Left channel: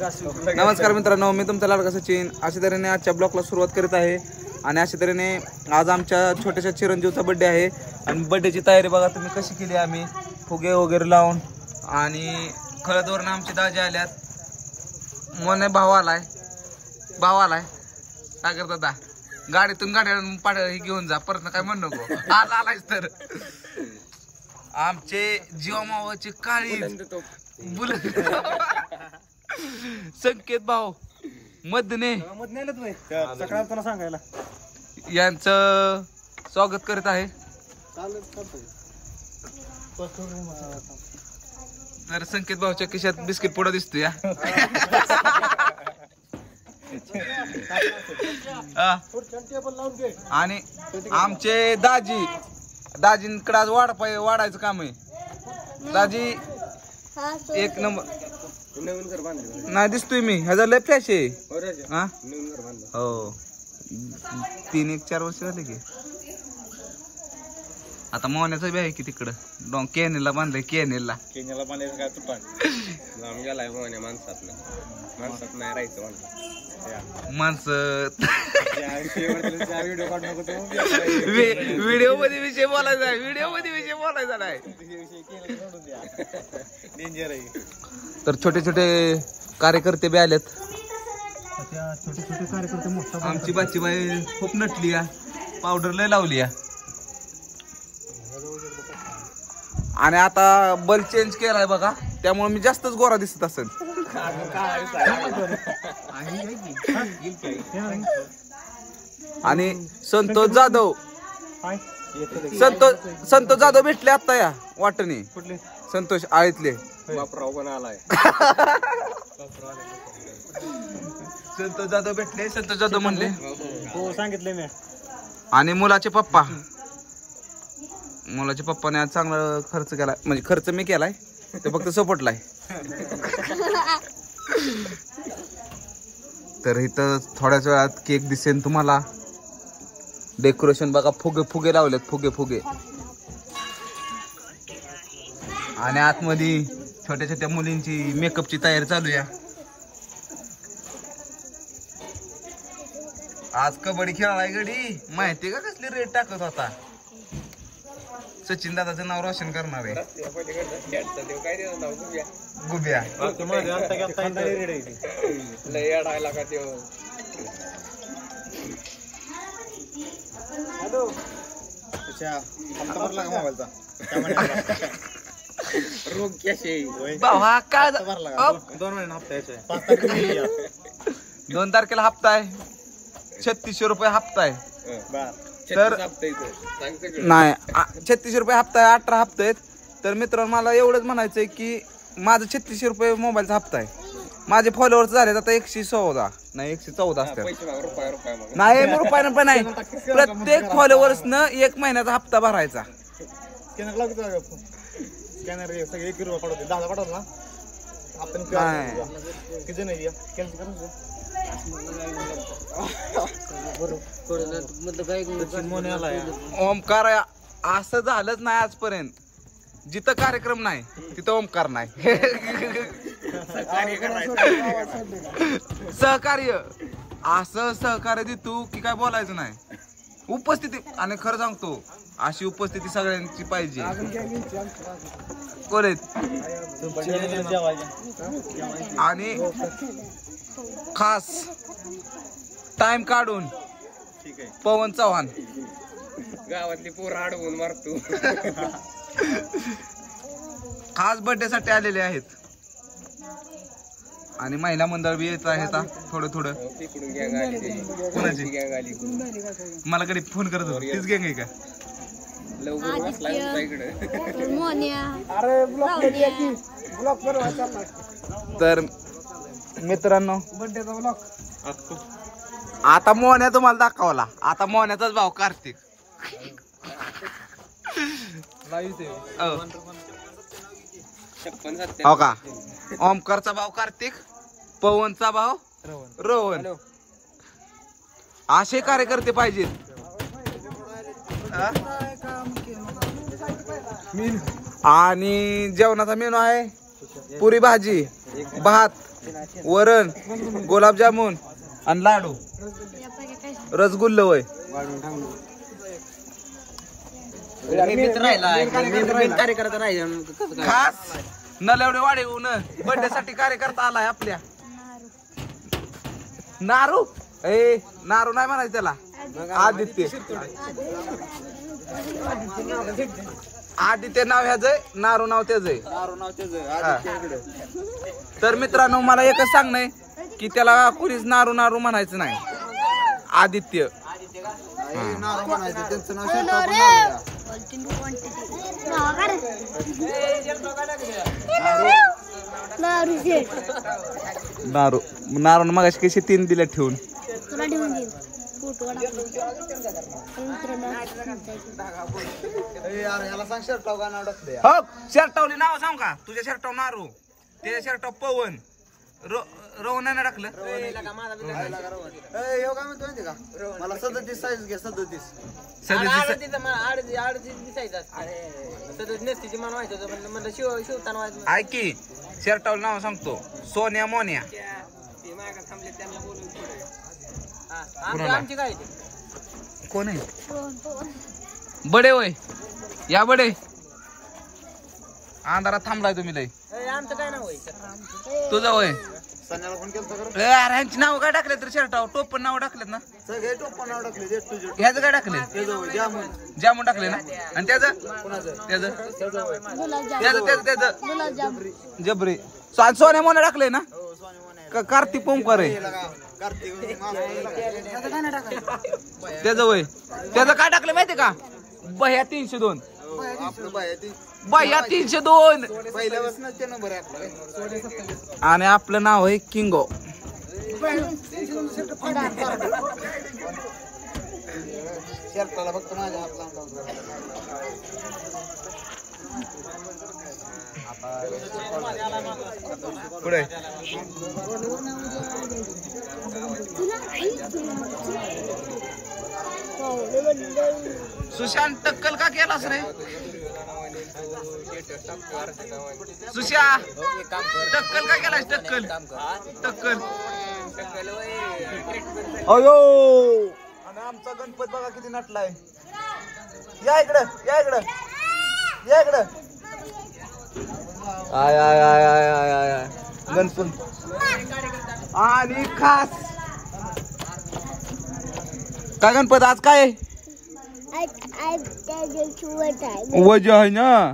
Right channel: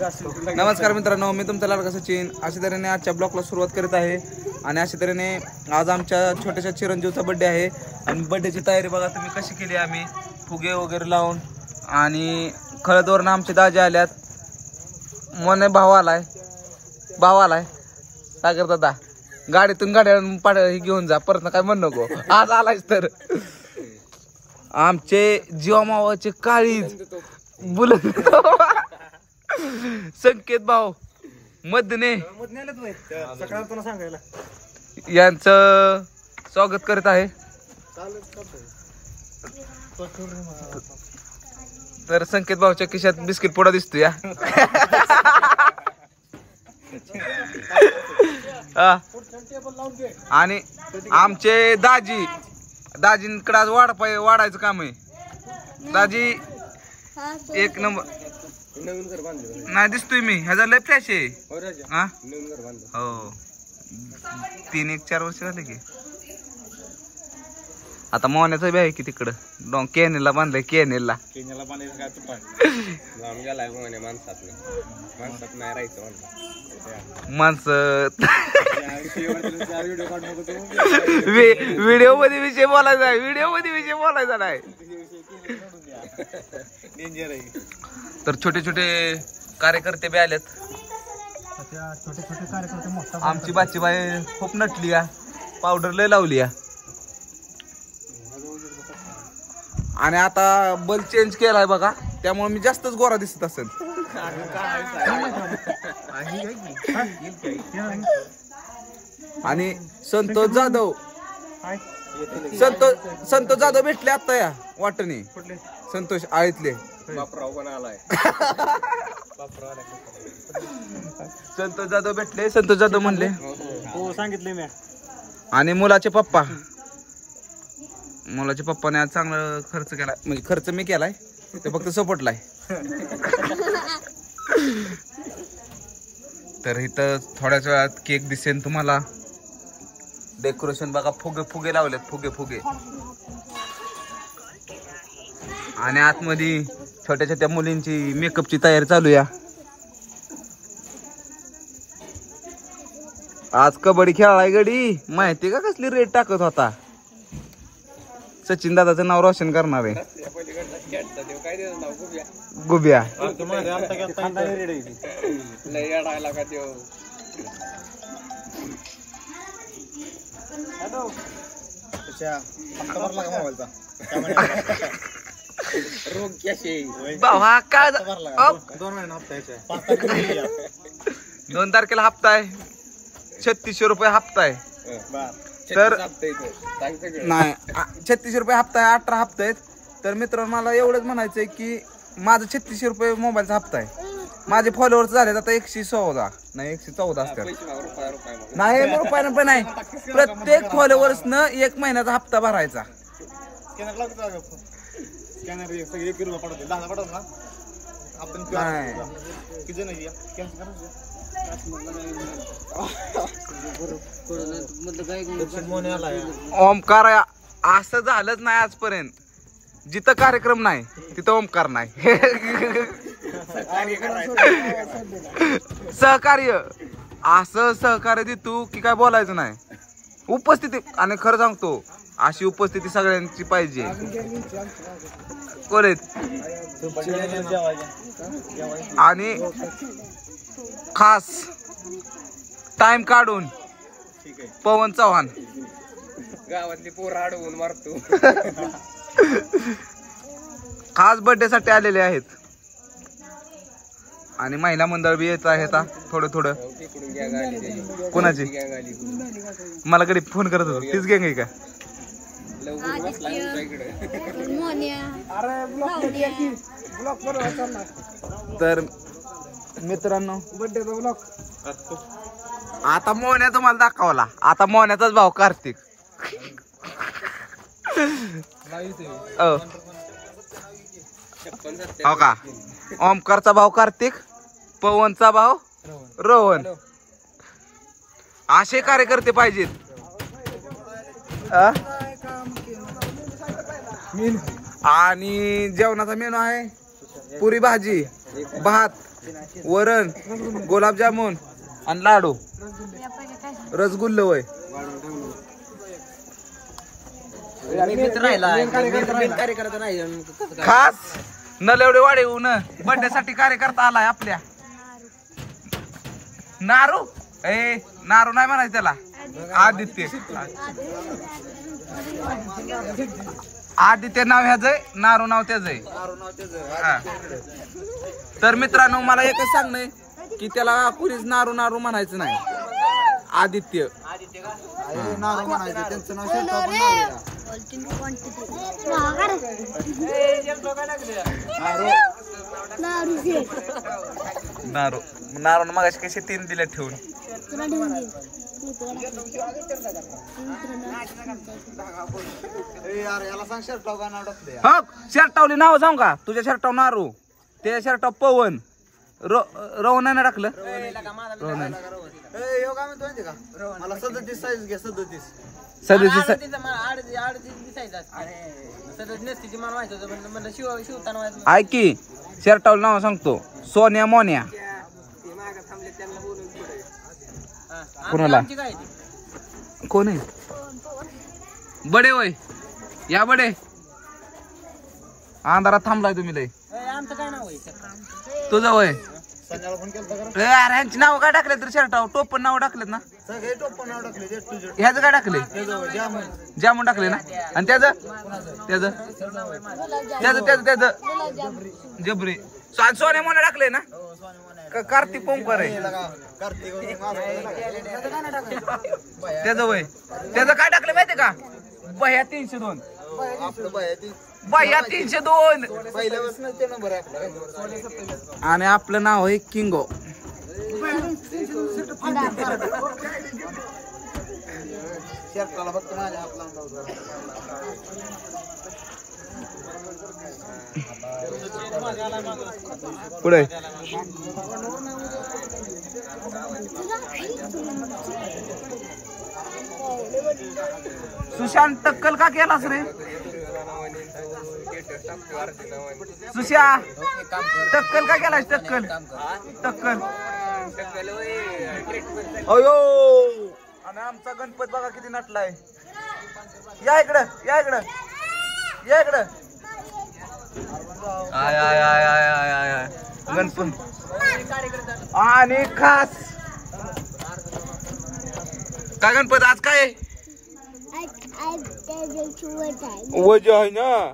नमस्कार मित्रांनो, मी तुमचा लाडका सचिन. अशा तऱ्हेने आजच्या ब्लॉगला सुरुवात करीत आहे. आणि अशा तऱ्हेने आज आमच्या छोट्याशा चिरंजीवचा बर्थडे आहे. आणि बर्थडेची तयारी बघा तुम्ही कशी केली. आम्ही फुगे वगैरे लावून आणि खळदवरून आमचे दाजे आल्यात. मोने भाऊ आलाय सागर दादा. गाडीतून गाड्या हे घेऊन जा, परत काय म्हण नको. आज आलायच तर आमचे जीवामावाचे काळीज बुलत संकेत भाऊ मधने यांचं स्वागत करीत आहे. तर संकेत भाऊच्या खिशात बिस्किट पुडा दिसतो या. आणि आमचे दाजींकडे आज वाढायचं काम आहे. दाजी एक नंबर नाही दिसतोय मी. ह्याचा लय फ्रेश आहे. हा हो 3-4 वर्ष झाले की. आता मोहण्याचं बी आहे की तिकडं केनेला बांधलंय. केनेला बांधायचं काय तुपान लांब गेलाय मोहण्या. माणसात नाही राहायचं माणसं. व्हिडिओ मध्ये विषय बोलायचा आहे. नाही. तर छोटे छोटे कार्यकर्ते बी आलेत. आमची बाचीबाई खूप नटली या. पावडर लय लावली या. आणि आता बल्ब चेंज केलाय बघा, त्यामुळे मी जास्तच गोरा दिसत असेल. आणि संतोष जाधव भेटले आता या वाटणी. संतोष आळीतले संतोष जाधव भेटले. संतोष जाधव म्हणले हो सांगितले मी. आणि मुलाचे पप्पाने आज चांगला खर्च केलाय. म्हणजे खर्च मी केलाय, ते फक्त सपोर्टलाय. तर इथं थोड्याच वेळात केक दिसेल तुम्हाला. डेकोरेशन बघा, फुगे लावलेत. फुगे आणि आतमध्ये छोट्या छोट्या मुलींची मेकअपची तयारी चालू या. आज कबड्डी खेळाय गडी. माहिती का कसली रेट टाकत होता. सचिन दादाचं नाव रोशन करणार आहे. गुबिया काय 2 तारखेला हप्ता आहे. 3600 रुपये हप्ता आहे. तर नाही 3600 रुपये हप्ता आहे. 18 हप्ते आहेत. तर मित्रांनो मला एवढंच म्हणायचंय की माझं 3600 रुपये मोबाईलचा हप्ता आहे. माझे फॉलोअर्स झालेत आता 114 नाही 114 असतात. नाही रुपयानं पण नाही. प्रत्येक फॉलोअर्स न 1 महिन्याचा हप्ता भरायचा. ओमकार असं झालंच नाही आजपर्यंत. जिथं कार्यक्रम नाही तिथं ओमकार नाही. सहकार्य असं सहकार्य देतो की काय बोलायचं नाही. उपस्थिती, आणि खरं सांगतो अशी उपस्थिती सगळ्यांची पाहिजे. कोलेत आणि खास टाइम काढून पवन चव्हाण गावातली पोरं अडवून मारतो. खास बर्थडे साठी आलेले आहेत. आणि महिला मंडळ बी येत आहे थोडं. कोणाची मला कधी फोन करत होतो तीच गँग आहे का? तर मित्रांनो आता मोहन्या तुम्हाला दाखवला. आता मोहन्याचाच भाऊ कार्तिक. हो का? ओमकारचा भाऊ कार्तिक, पवनचा भाऊ रोहन. असे कार्यकर्ते पाहिजेत. आणि जेवणाचा मेनू आहे पुरी भाजी भात वरण, गुलाबजामुन आणि लाडू, रसगुल्ल वय. खास नलवडे वाढीहून बर्थडे साठी कार्यकर्ता आलाय आपल्या. नारू नारू नाही म्हणायचं त्याला, आदित्य. आदित्य नाव ह्याच आहे, नारू नाव त्याच आहे. तर मित्रांनो मला एकच सांगणं आहे की त्याला कुणीच नारू नारू म्हणायचं नाही. आदित्य त्यांचं नाव नारू. नारू मग कशी 3 दिले ठेवून तुला ठेवून देईन. हो शर्टावली नाव सांग का तुझ्या शर्टाव नारू, त्याच्या शर्टाव पवन, रोहन नाही टाकलं. मला 37 साईज घ्या. 37 ऐक की शर्टावलं नाव सांगतो. सोन्या मोन्या. कोणाला कोण आहे? बडे वय या बडे. अंधारात थांबलाय तुम्ही लय. आमचं काय नाव तुझं वय. सन्याला फोन केलता का? अरे ह्यांची नाव काय टाकले तर शर्टाव? टोपण नाव टाकलेत ना? सगळे टोप नाव टाकले. ह्याचं काय टाकले? जामून टाकले ना? आणि त्याचं जबरी. सोन्या मोन्या टाकले ना? कार्तिक पंपर आहे. त्याचं वय. त्याचं काय टाकलं माहितीये का? बह्या 302. बह्या 302 पहिल्यापासून ते नंबर आहे आपला. आणि आपलं नाव आहे किंगो. शर्टाला फक्त माझ्या आपला पुढे सुशांत टक्कल का केलास रे? सुशा टक्कल का केलास? टक्कल अयो. आणि आमचा गणपत बघा किती नटलाय. या इकडं I I I I I I I Ganpat. आणि खास काय गणपत आज काय वजह आहे ना.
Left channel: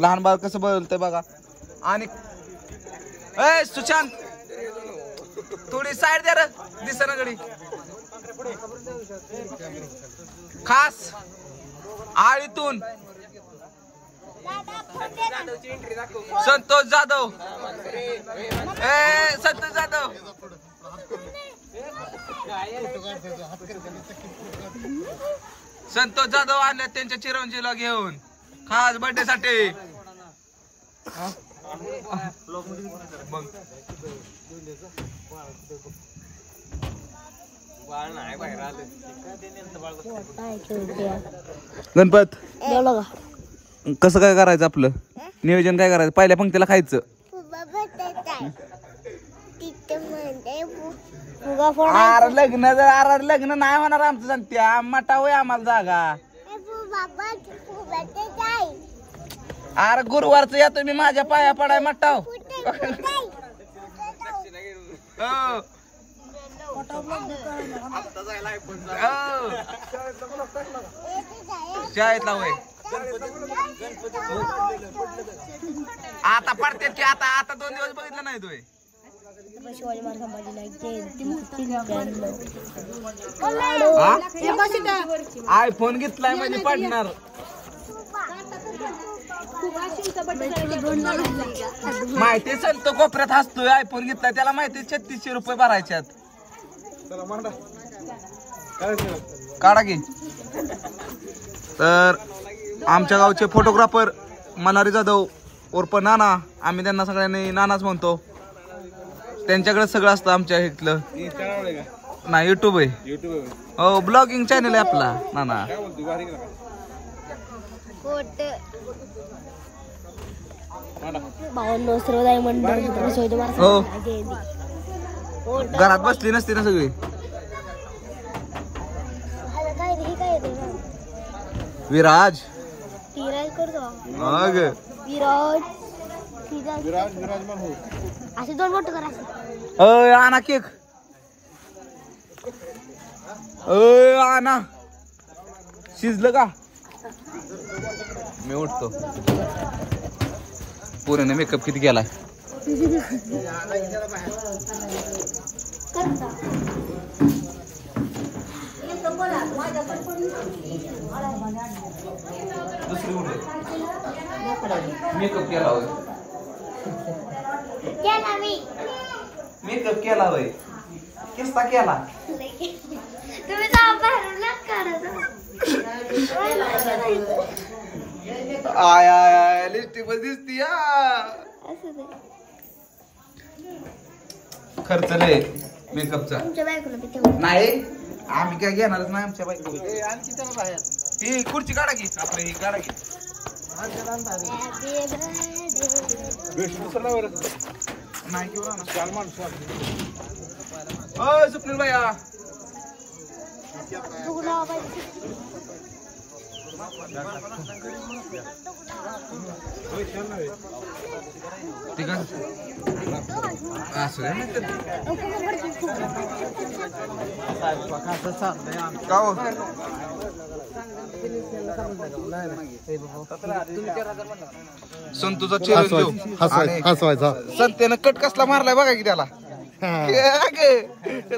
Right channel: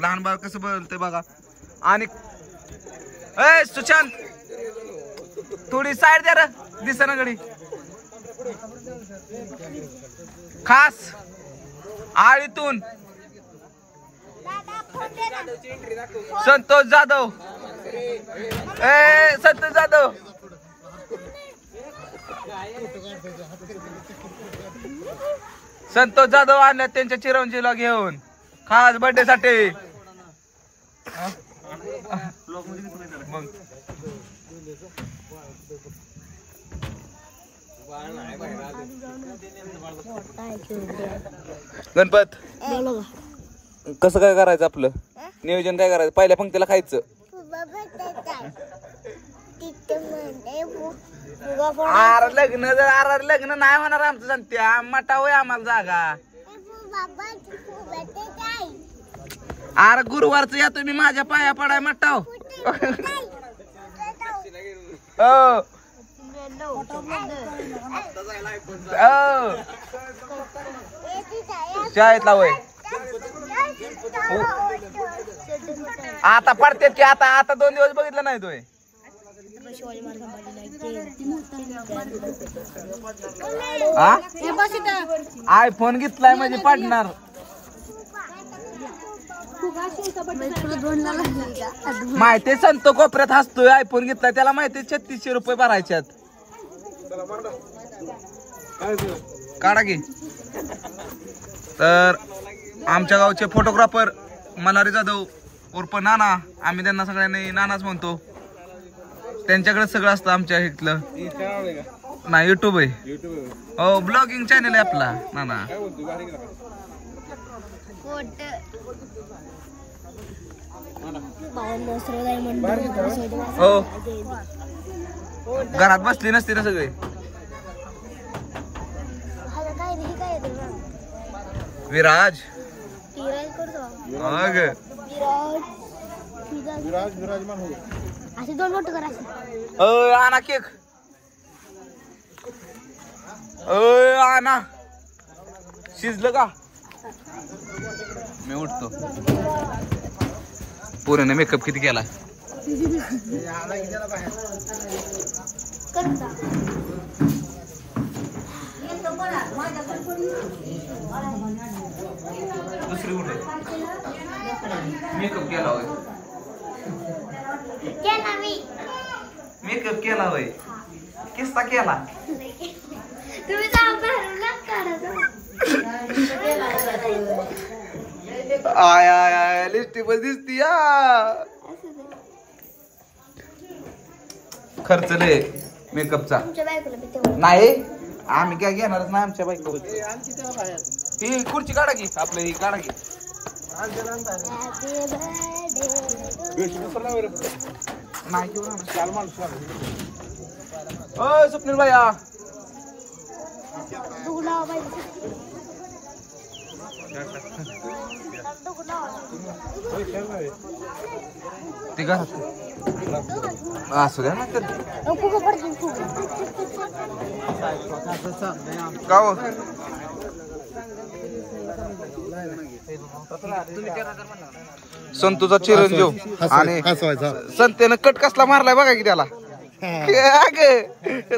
लहान बाळ कसं बोलतंय बघा. आणि सुशांत थोडी साईड द्या रे दिसना घडी. खास आळीतून संतोष जाधव. संतोष जाधव आणल्या त्यांच्या चिरंजीला घेऊन खास बर्थडे साठी. गणपत कसं काय करायचं? आपलं नियोजन काय करायचं? पहिल्या पंक्तीला खायचं. लग्न नाही होणार आमचं. सांगते मटा होय आम्हाला जागा. अरे गुरुवारचं या तुम्ही माझ्या पाया पडाय मटाव. शाळेतला वय आता पडतेत की आता 2 दिवस बघितलं नाही तोय. आयफोन घेतलाय म्हणजे पडणार. माहिती संत कोपऱ्यात हसतोय. आयफोन घेतलाय त्याला माहिती 3600 रुपये भरायच्यात. काढा की. तर आमच्या गावचे फोटोग्राफर मल्हारी जाधव उर्फ नाना, आम्ही त्यांना सगळ्यांनी नानाच म्हणतो. त्यांच्याकडे सगळं असतं आमच्या इथलं. नाही युट्यूब आहे. हो ब्लॉगिंग चॅनल आहे आपला नाना. भावांनो सर्वदाय मंडळ हो घरात बसली नसते ना सगळी. विराज मग विराज मान हो. असे दोन बोट करा असे. आणा केक. आणा शिजलं का. मी उठतो. पूर्ण मेकअप किती केला. मेकअप केला होय. मेकअप केला होय. किस्ता केला. तुम्ही आय आय आय लिपस्टिक दिसती या. खर्च लय मेकअपचा. नाही आम्ही काय घेणारच नाही आमच्या बाईक. ही खुर्ची काढा की आपलं ही काढा की. नाही घेऊ ना. स्वप्नील भैया ठीक आहे असं द्या का हो. संतूचा चिरंजीव आणि संतेनं कट कसला मारलाय बघा की त्याला.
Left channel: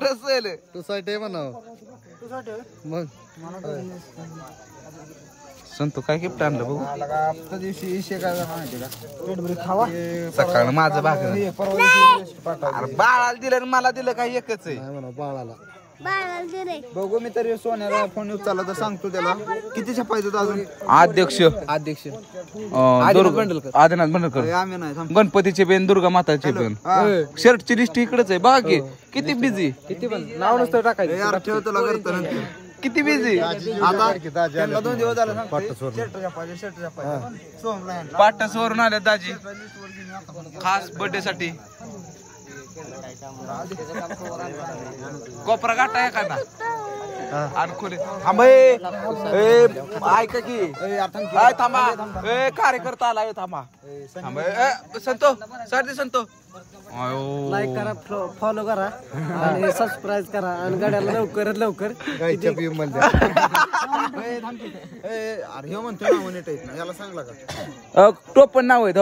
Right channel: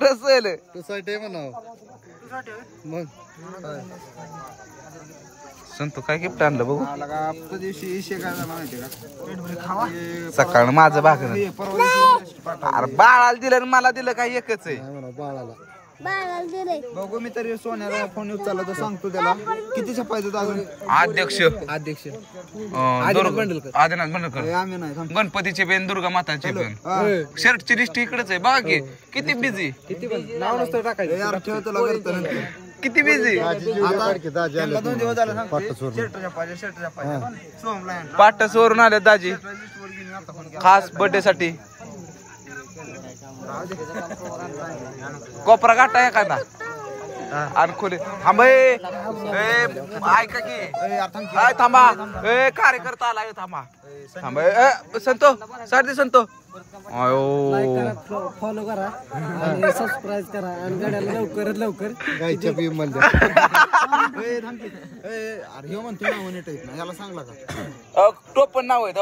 रसल सोसायटी म्हणा मग. संतू काय गिफ्ट आणलं बघू. सकाळ माझं भाकर. अरे बाळाला दिलं आणि मला दिलं काय एकच आहे. बाळाला बघू मी तरी सोन्याला फोन उचलला तर सांगतो त्याला किती छापायचं अजून. अध्यक्ष आदिनाथ बंडलकर गणपतीचे बेन दुर्गा माताचे पण शर्टची लिस्ट इकडेच आहे बघा की. किती बिझी ठेव तुला करतो किती बिझी. आता 2 दिवस झाला पाटस वरून आले दाजी खास बर्थडे साठी. कोपरा गाठा एखादा आणि खोले थांब. ऐका की थांबा. कार्यकर्ता आला थांबा थांब. संतो सारथी संतो लाईक करा, फॉलो करा आणि सबस्क्राईब करा आणि गाड्याला लवकरात लवकर गायच्या पिम मध्ये. अरे म्हणतो ना नीट आहे याला सांगला का. टोपण नाव आहे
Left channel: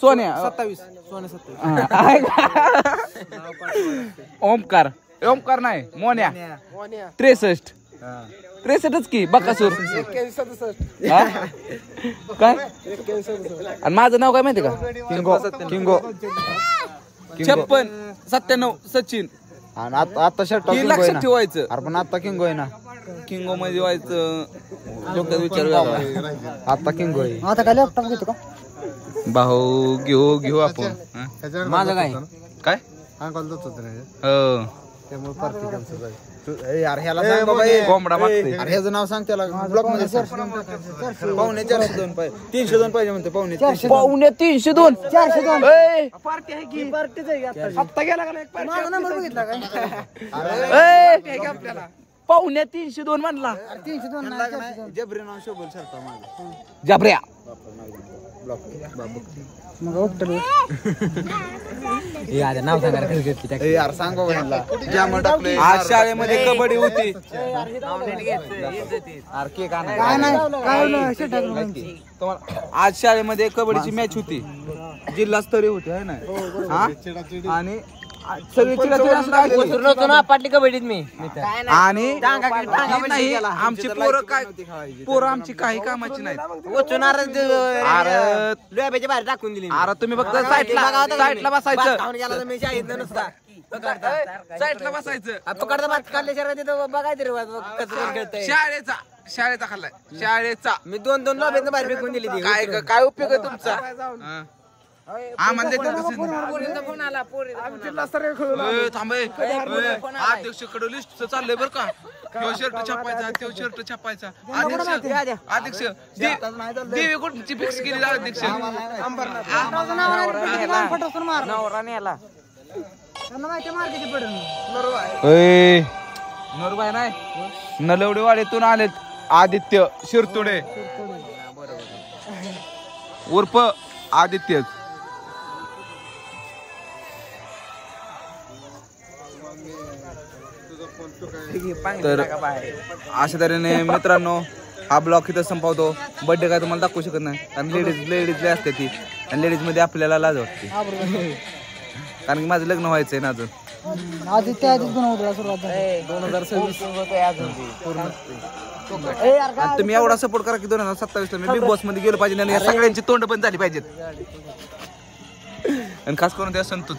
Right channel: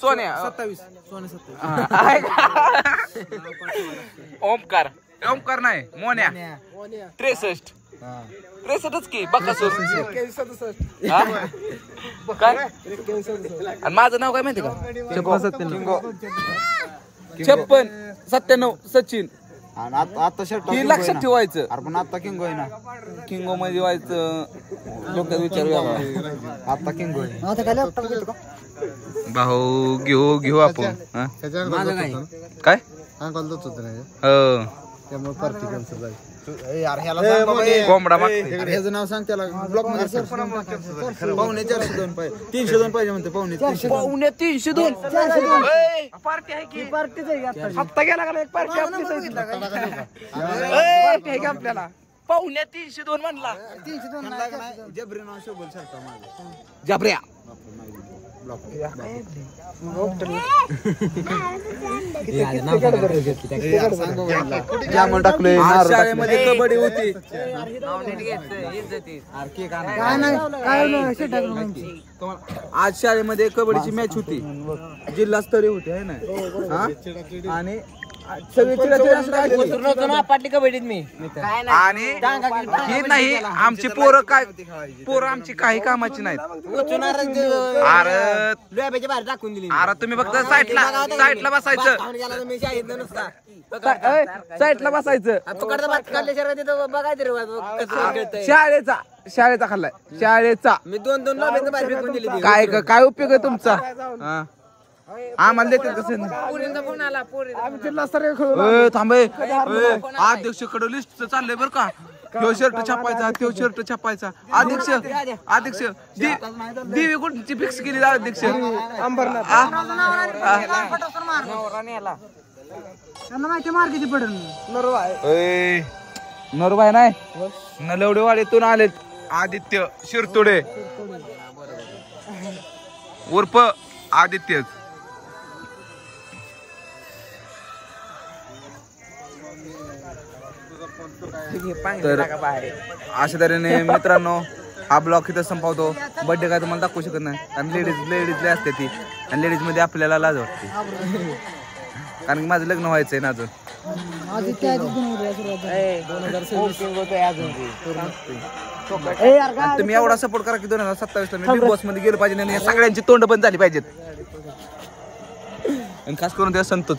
सोन्या 27 सोने 27 ओमकार. ओमकार नाही मोन्या 63 की बकासूर. काय आणि माझं नाव काय माहिती का. 56 97 सचिन. आता शर्ट हे लक्षात ठेवायचं. पण आता किंगो आहे ना. किंगो मध्ये व्हायचं डोक्यात विचार वेगळा. आता किंगो आहे. आता काय लॅपटॉप घेतो का भाऊ घेऊ आपण. माझं काय काय अंकल दोच होत नाही हो त्यामुळे पार्टी कॅन्सल झाली. यार ह्याला सांग बाबा कोंबडा मागते. अरे ह्याचं नाव सांग त्याला ब्लॉक मध्ये. 402 पाहिजे 302 पाहिजे म्हणते. 302 पार्टी आहे की पार्टीच आहे. हप्ता गेला का एक पार्टी आपल्याला 302 म्हणला. 302 नाही जबरी नाव शोभल शर्टा माझं जबऱ्या ब्लॉक बाबू. नाव सांगा यार सांग बाबा ह्याला जामून टाकले. आज शाळेमध्ये कबड्डी होती. अरे केक आणा. काय नाही काय नाही शेट टाकलं. आज शाळेमध्ये कबड्डीची मॅच होती. जिल्हास्तरीय होती है ना. आणि सगळी चिडाचिड पाटली कबड्डीत मी आणि हे नाही आमची पोरं आमची काही कामाची नाहीत. अरे बाहेर टाकून दिली. अरे तुम्ही फक्त साईडला बसायचं. मी शाळेत नुसता साईडला बसायचं. पकडता भात खाल्ल्याशिवाय तिथं बघायचं शाळेचा खाल्लाय शाळेचा. मी 2 लॉबीत बाहेर फेकून दिली ती. काय उपयोग आहे तुमचा. आम्हाला देतील कसं. पोरींचा फोन आला. थांबे अध्यक्षकडे लिस्ट चाललंय बरं का. ह्यो शर्ट छापायचा त्यो शर्ट छापायचा. अध्यक्ष देवी कोणची फिक्स केली अध्यक्ष? नरबाई नाही नलवडेवाडीतून आलेत आदित्य शिरतोडे उर्फ आदित्यच. तर अशा तऱ्हेने मित्रांनो हा ब्लॉग इथं संपवतो. बर्थडे काय तुम्हाला दाखवू शकत नाही कारण लेडीज असते ती आणि लेडीज मध्ये आपल्याला लाज वाटते कारण की माझं लग्न व्हायचंय ना अजून. आदित्य आधीच बनवतो सुरुवात झाली 2026 पूर्ण. आणि तुम्ही एवढा सपोर्ट करा की 2027 ला मी बिग बॉस मध्ये गेलो पाहिजे आणि सगळ्यांची तोंड पण झाली पाहिजेत आणि खास करून त्या संतोच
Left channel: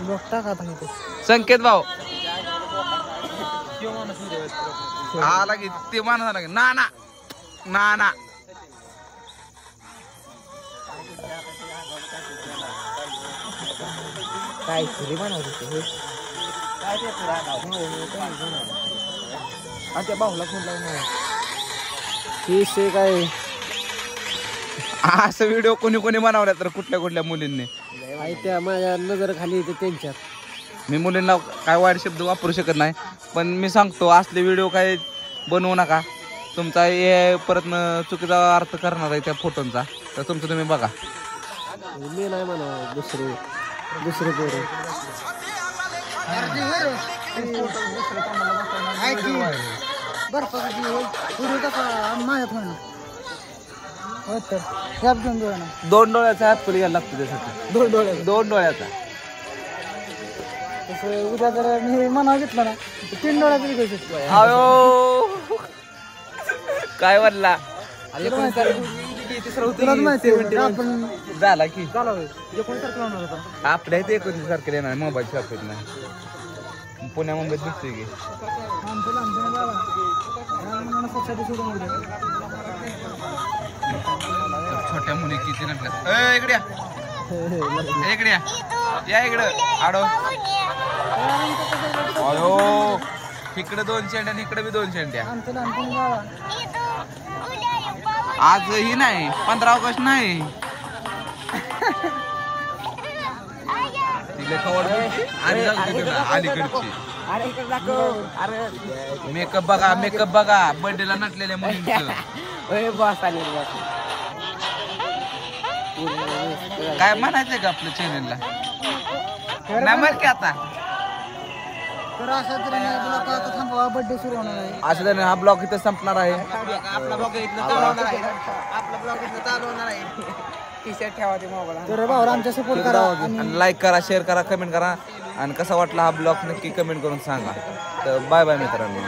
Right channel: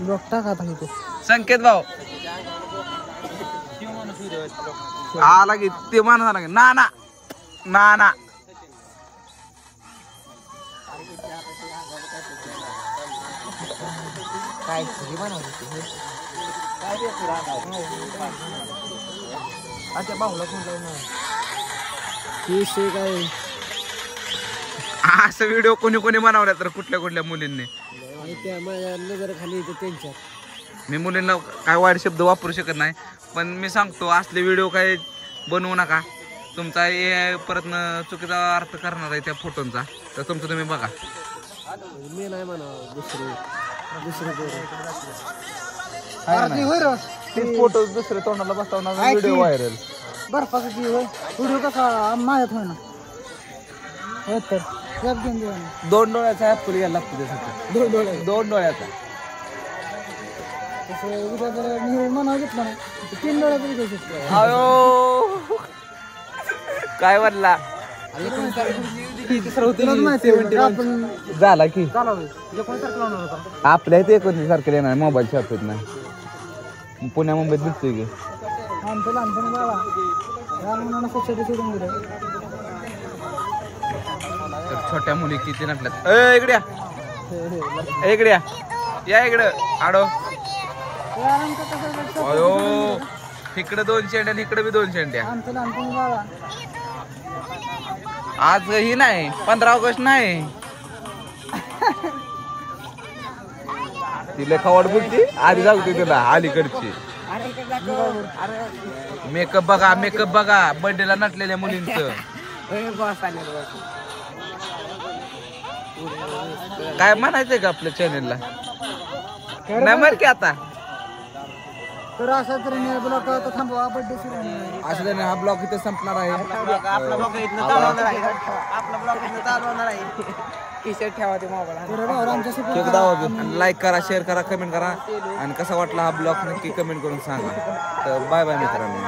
बघता का तुम्ही संकेत भाऊ आला की ते माणूस आला की ना ना ना ना काय असं व्हिडिओ कोणी कोणी बनवला तर कुठल्या मुलींनी त्या माझ्या नजर खाली येते त्यांच्यात. मी मुलींना काय वाईट शब्द वापरू शकत नाही पण मी सांगतो असले व्हिडिओ काय बनवू नका. तुमचा हे परत चुकीचा अर्थ करणार आहे त्या फोटोंचा तर तुमचं तुम्ही बघा. मी नाही म्हणा दुसरे फोटो दुसऱ्या तोंडाला बसवणार व्हिडिओ व्हायरल. व्हिडिओ कसा माहीत होय ना हो तर कॅप घेऊन देऊ ना. 2 डोळ्याचा ऍपल घ्यायला लागतो त्यासाठी. 2 डोळ्याचा तसं उद्या जर मी म्हणावं घेतलं ना 3 डोळ्याचं विकू शकतो. अयो काय म्हणला तुलाच माहिती आहे का आपण झाला की आपल्या इथे 29 तारखेला येणार मोबाईल शॉप येत नाही पुण्या मुंबईत दिसतोय की आमचं लहानपणी बाबा सोसायटी सोडून गेलं. तर छोट्या मुली किती नटल्यात. इकडे या इकडं आडो. अयो इकडे 2 शेंड्या आणि इकडे बी 2 शेंड्या. आमचं लहानपणी बाबा आज ही नाही 15 ऑगस्ट नाही तिला खवाड बोलते आधी जाऊ तुला अलीकडची. मेकअप बघा बर्थडेला नटलेल्या मुलींचं. काय म्हणायचंय का आपल्या चॅनेलला नाही मर की आता. तर अशा तऱ्हेने ब्लॉग आता थांबवा बर्थडे सुरू होणार आहे. अशा तऱ्हेने हा ब्लॉग इथे संपणार आहे. तर भाऊ आमच्या सपोर्ट करा आणि लाईक करा शेअर करा कमेंट करा आणि कसा वाटला हा ब्लॉग नक्की कमेंट करून सांगा. तर बाय बाय मित्रांनो.